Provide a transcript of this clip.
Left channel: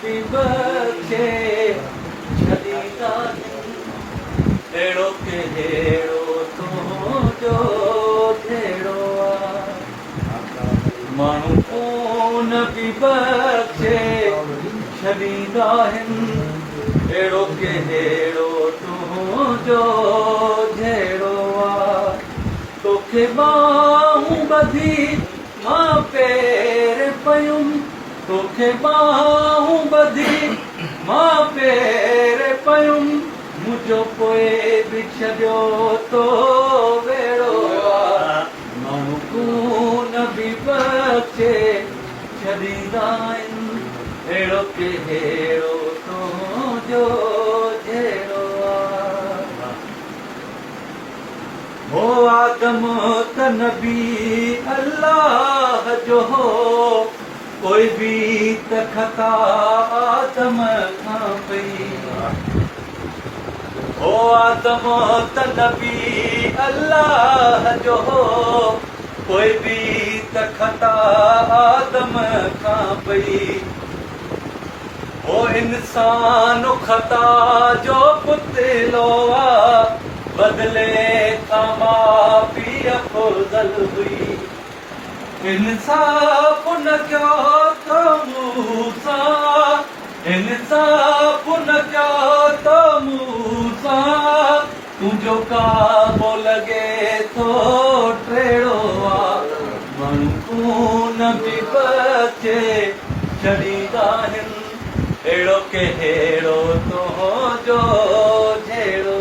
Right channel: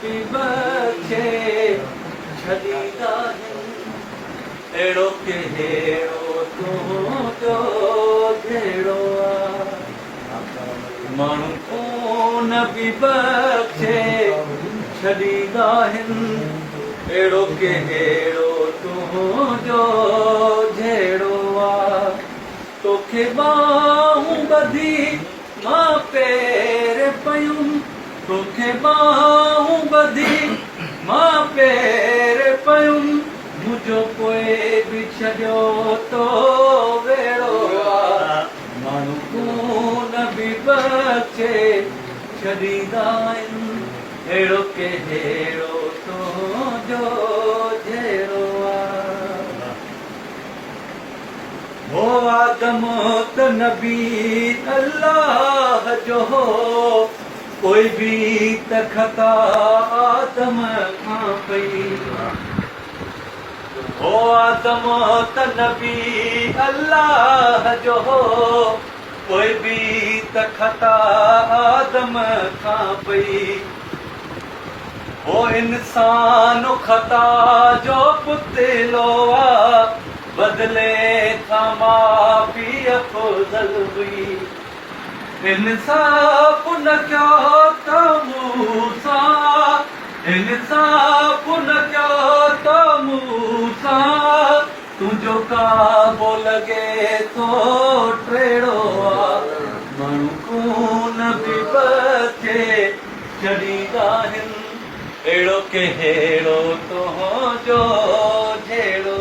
नबी बख्शे छॾींदा अहिड़ो कहिड़ो तुंहिंजो जहिड़ो माण्हू खून बि बख्शे छॾींदा आहिनि अहिड़ो कहिड़ो तुंहिंजो जहिड़ो तोखे बाहूं ॿधी मां पेर पयुमि तोखे बाहूं ॿधी मां पेर पयुमि मुंहिंजो पोइ बि छॾियो तो वेड़ो माण्हू खून बि बख्शे छॾींदा आहिनि अहिड़ो कहिड़ो तुंहिंजो जहिड़ो हो आदम त नबी अल्लाह जो हो कोई बि त ख़ता आदम खां पई हो आदम त नबी अल्लाह जो हो कोई बि त ख़ता आदम खां पई हो इंसान ख़ता जो पुतलो बदले खां मां पीउ अफ़ज़ल हुई इंसाफ़ न कयो त मूंसां इंसाफ़ न कयो त मूंसां तुंहिंजो काबो लॻे थो टेड़ो माण्हू खून बि बख्शे छॾींदा आहिनि अहिड़ो कहिड़ो तुंहिंजो जहिड़ो